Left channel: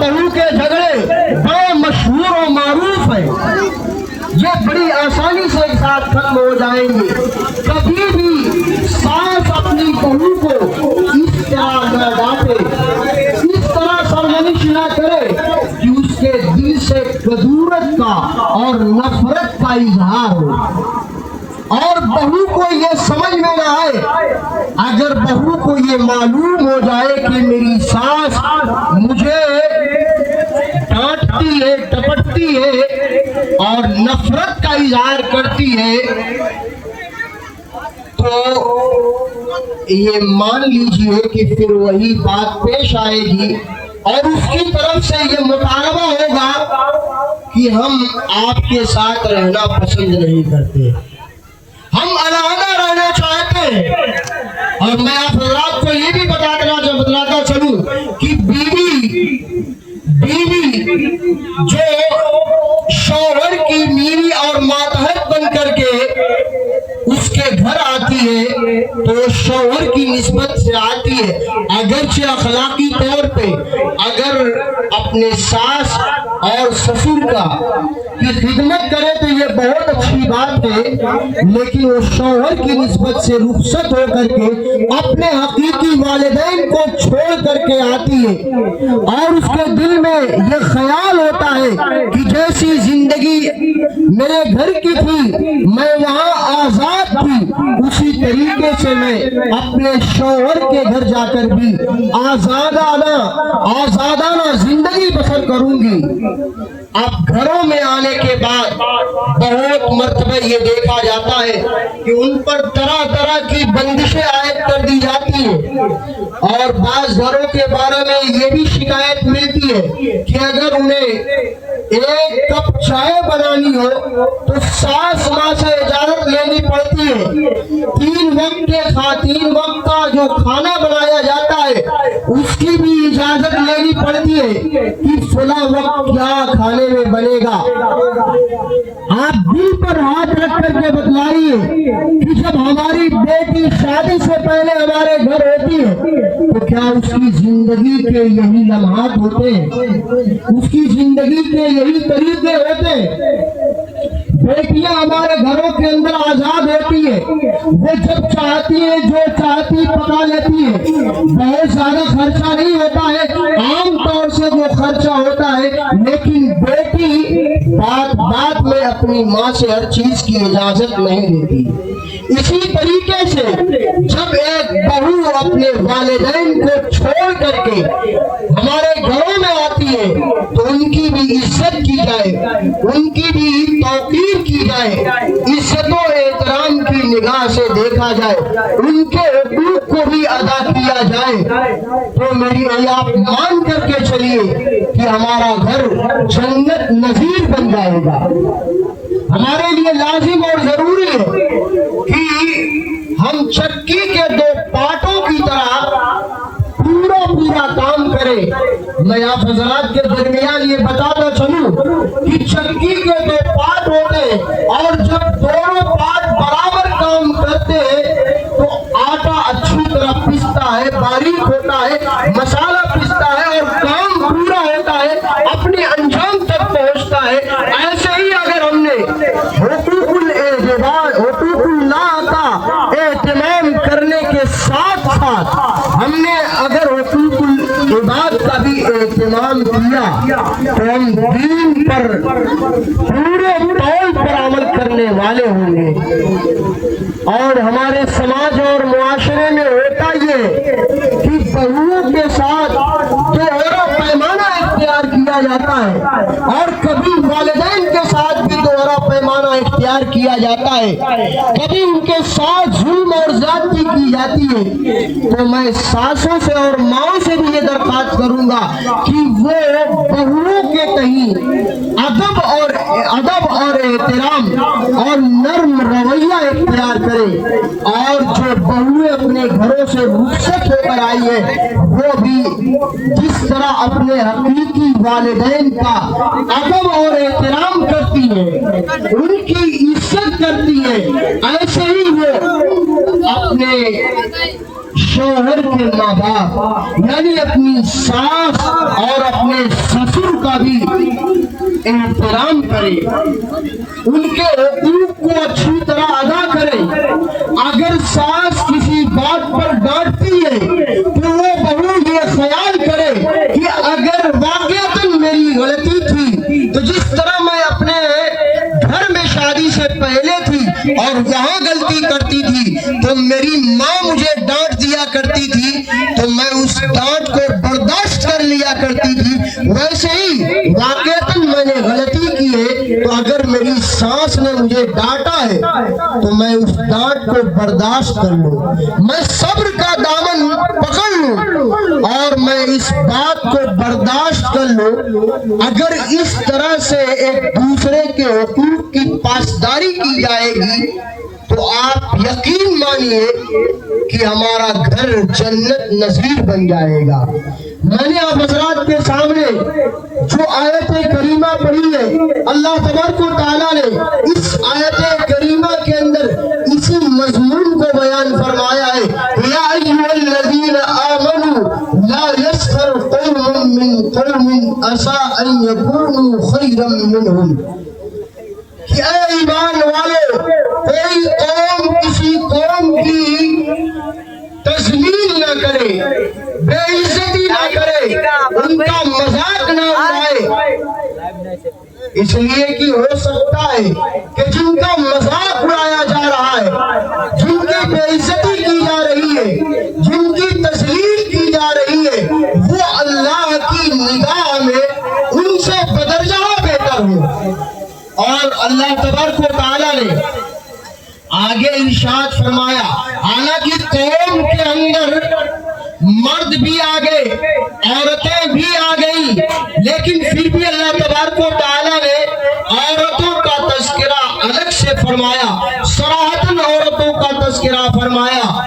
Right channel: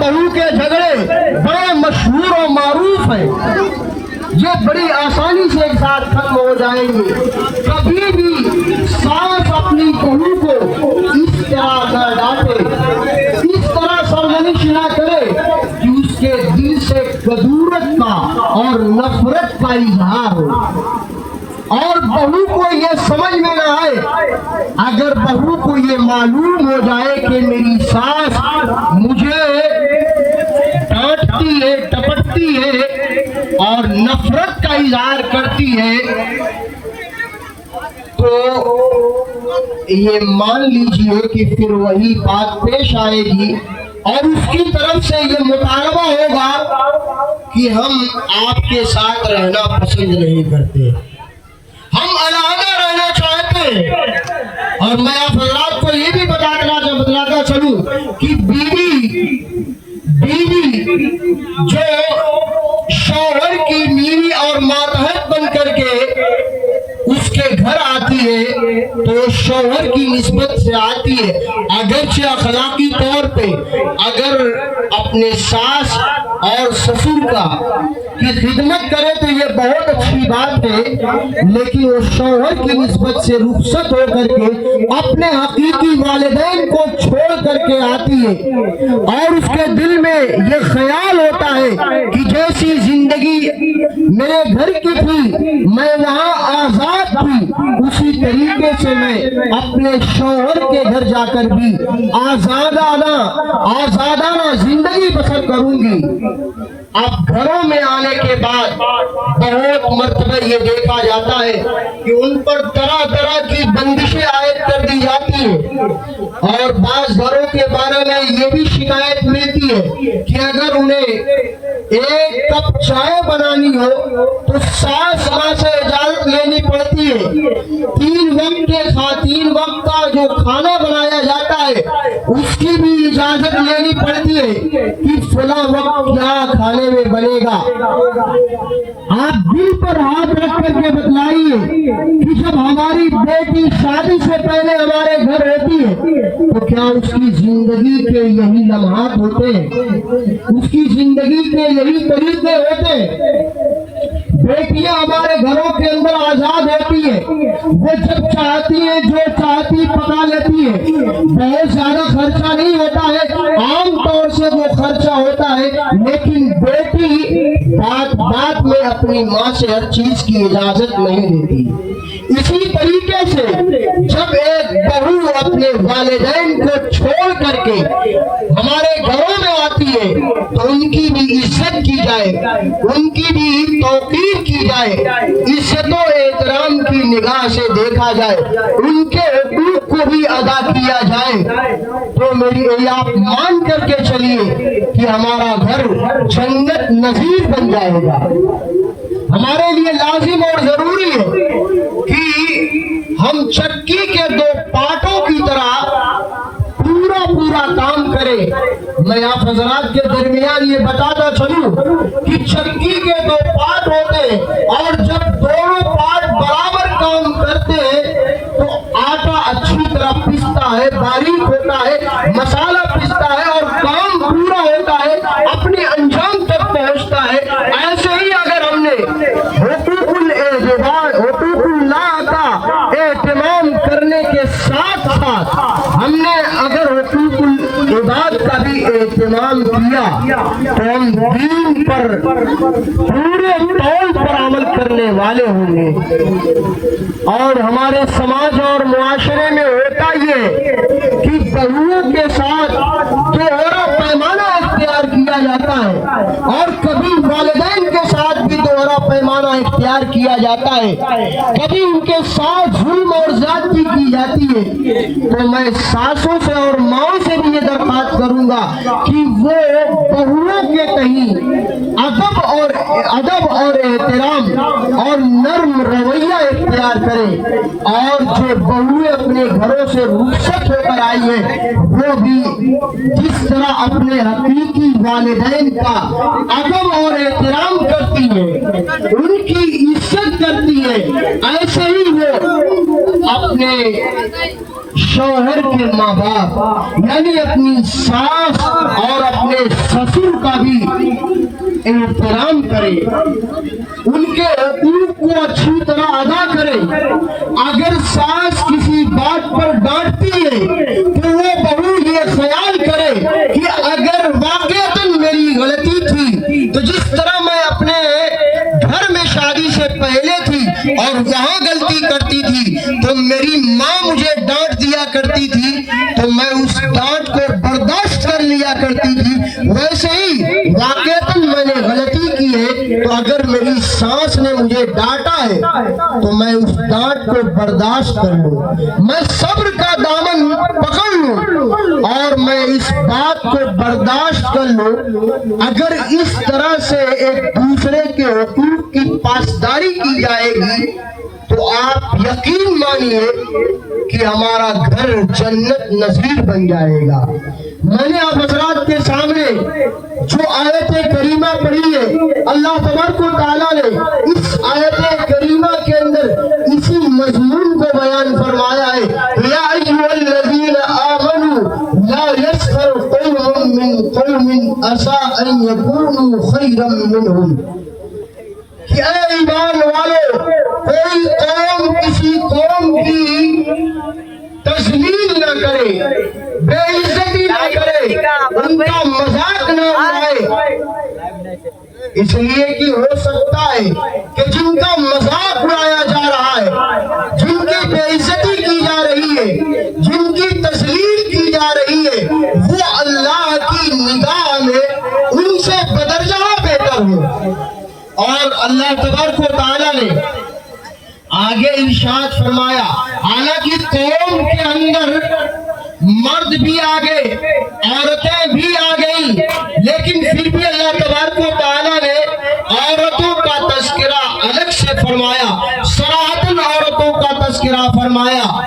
बहू के झगड़े बड़े मशहूर और मारूफ हैं। ये बड़ी आसानी से एक साथ खत्म हो जाएंगे। कभी भी सास अपनी बहू को इस तरह न डांटे, इस तरह सरजनिश न करे कि उसके दिल से कदूरत का और नफरत का इजहार हो, और बहू को ये समझ में न आए। अगर बहू को ये मालूम हो जाए कि मेरी सास मुझे डांटती है, टपटती है और नफरत का इजहार करती है, तो ये मान लीजिए कि फिर वही बात पेश आएगी और उसकी तरफ से ये मुतालबा होगा कि हम आपके साथ रहना पसंद नहीं करते, हम अलग रहना चाहते हैं। और मैं आप हजरात को ये भी बतलाता चलूं कि बीवी जो शौहर की बीवी और मातहत बन करके उसके घर आती है तो शौहर की निस्बत से आती है। अगरचे अखलाकी तौर पे अगर अपने सास और ससुर का की खिदमत करे तो ये बहुत अच्छी बात है, लेकिन वो शौहर की निस्बत से रुखसत होकर के अपने हकीकी वालिदैन को छोड़ करके आती है और उसके दिल में ये ख्याल होता है कि जैसी जिंदगी मेरे घर की थी, मैं वहाँ आजाद थी, उसी तरीके से मैं अपने शौहर के घर जाकर भी आजादाना जिंदगी बसर करूंगी। अब घरों में आने के बाद बहुत मर्तबा ये देखा जाता है कि उन पर तरह तरह की बंदिशें आयद कर दी जाती है और बाज घरों के बारे में ये भी शिकायत मिलती है कि अगर उन्हें एक कप चाय बनानी हो तो सास माँ से इजाजत लेनी पड़ती है। तीन वक्त का जो खाना बनाया जाता है उसकी भी इजाजत लेनी पड़ती है कि फला वक्त क्या खाने में बनेगा। आप दिल पर हाथ रख करके बतलाइए कि जब हमारी बेटी शादी से पहले हमारे घर होती है तो क्या उसकी जिंदगी के यही लम्हात होते हैं, उसकी जिंदगी के यही तरीके होते हैं। बेटियां हमारे घरों के अंदर आजाद होती है, वो जब चाहती है जो चाहती पका लेती है, बहुत ज्यादा खर्चा नहीं होता है, आम तौर से वो खर्चा होता है, लेकिन बेटी बात में अपनी माँ से हर चीज की इजाजत नहीं देती। इसी तरीके से जब एक बहू अपने वालिदैन को छोड़ करके हमारे घरों में आती है तो उनकी भी इज्जत की जाए, उनकी भी तौकीर की जाए, इज्जत और एहतराम की निगाह से देखा जाए, उनके हुकूक को भी अदा किया जाए। तो मेरी आप मान करके चलिए कि हमारा घर जन्नत नजीर बन जाएगा। हमारे लिए लाजिम और जरूरी है कि हम चक्की के दो पाटों की तरह पूरा काम करें। मैं आप हजरात के दरमियान ये बताता चलूं कि चक्की के दो पार्ट होते हैं और जब दोनों पार्ट बराबर काम करते हैं तो आटा अच्छी तरह पिसता है, बारीक होता है, मसाला पिसता है और काम पूरा होता है, अपने अंजाम तक पहुंचता है। ऐसे ही अगर हमने हुकूकुल्लाह का एहतमाम करने के साथ साथ हमने अगर हुकूकुल इबाद का भी एहतमाम किया तो हम दीन पर पूरे तौल पर अमल करने वाले होंगे। और हमारे समाज और मुआशरे में होता ये कि बहुओं के साथ दोहरा पैमाना इख्तियार किया जाता है और कभी वालिदैन के साथ भी दोहरा पैमाना इख्तियार किया जाता है, कभी उनके साथ जुल्म और ज्यादती की जाती है। तो मैं सासों से और माओ से भी ये दरख्वास्त करूंगा कि वो बहुओं के कहीं अदब और एहतराम और नर्म रवैया इख्तियार करें और जो बहुएं अपने घरों से रुखसत होकर आई है वो भी जिस तरह अपने हकीकी वालिदैन का अदब और एहतराम करती है, उनकी इज्जत करती है, ऐसे ही वो अपने शौहर के माँ बाप यानी अपनी सास और अपने کرے, ان کے حقوق کو اچھی طرح ادا کرے. اگر ساس کسی بات پر ڈانٹتی ہے تو وہ بہو یہ خیال کرے کہ اگر واقعتاً میری غلطی تھی تو جس طرح میں اپنے گھر میں شادی سے پہلے تھی اور وہاں غلطی کرتی تھی تو میری ماں مجھے ڈانٹ دیا کرتی تھی تو میں اس ڈانٹ کو برداشت کر لیا کرتی تھی, ویسے ہی واقعتاً میں نے غلطی کی ہے تو اگر میری ساس نے مجھے ڈانٹا ہے تو میں اس ڈانٹ کو برداشت کر لوں, میں صبر کا دامن پکڑ لوں اور میں اس بات کو برداشت کر لوں. اگر اس طرح سے ایک دوسرے کے حقوق کی پاسداری کی جائے گی تو آپ یقین مانیے کہ ہمارا گھر جنت نظیر بن جائے گا. میں نے آپ حضرات کے سامنے جو آیت کریمہ پڑھی ہے, اللہ تبارک و تعالیٰ نے اس آیت کریمہ کے اندر اسی مضمون کو بیان فرمایا ہے. یا ایھا الذین آمنوا لا یسخر قوم من قوم عسیٰ ان یکونوا خیرا منہم. کہ اے ایمان والو, کوئی قوم کسی قوم کی تذلیل نہ کرے, بے عزتی نہ کرے, ان کا مذاق نہ اڑائے, اس لیے کہ ہو سکتا ہے کہ جن کا مذاق اڑایا جا رہا ہے, جن کی بے عزتی کی جا رہی ہے, جن کی تذلیل کی جا رہی ہے, وہ اللہ کی نگاہ میں ان سے بدرجہ بہتر ہو. اور اللہ تبارک و تعالیٰ نے آگے ارشاد فرمایا, حالانکہ قوم کے اندر مرد بھی آ گئے, عورتیں بھی آ گئیں, لیکن پھر بھی اللہ تبارک و تعالیٰ نے عورتوں کا تذکرہ الگ سے فرمایا, صراحتاً عورتوں کا تذکرہ فرمایا.